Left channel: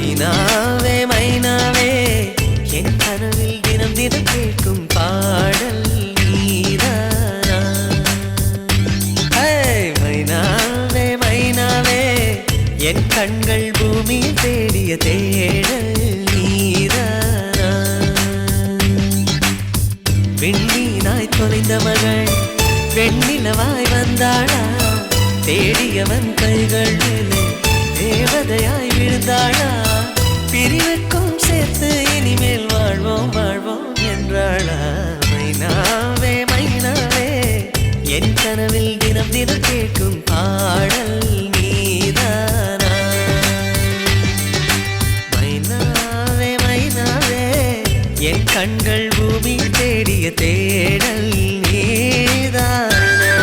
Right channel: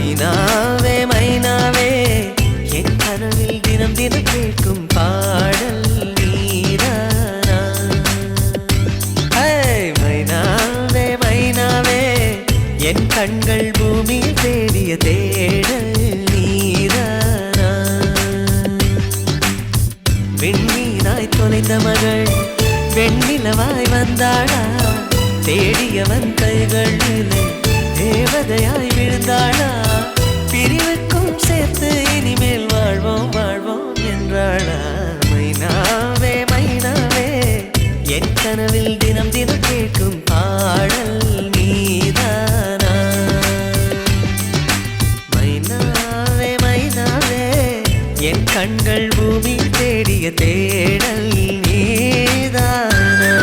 மைனாவே மைனாவே என் கனவில் தினம் தினம் கேட்கும் பாடல் நீதானா மைனாவே மைனாவே என் கண்கள் பூமியில் தேடிய தேடல் நீதானா விண்மீனாய் தொலைந்த மகள் வெண்ணிலவாய் வந்தாளா தேடியவன் கைகளிலே தேவதையாய் விழுந்தாளா பிரிவுக்கும் சேர்த்து இனிமேல் வாழ்வோம் வாழ்வோம் என்றாளா மைனாவே மைனாவே என் கனவில் தினம் தினம் கேட்கும் பாடல் நீதானா மைனாவே மைனாவே என் கண்கள் பூமியில் தேடிய தேடல் நீதானா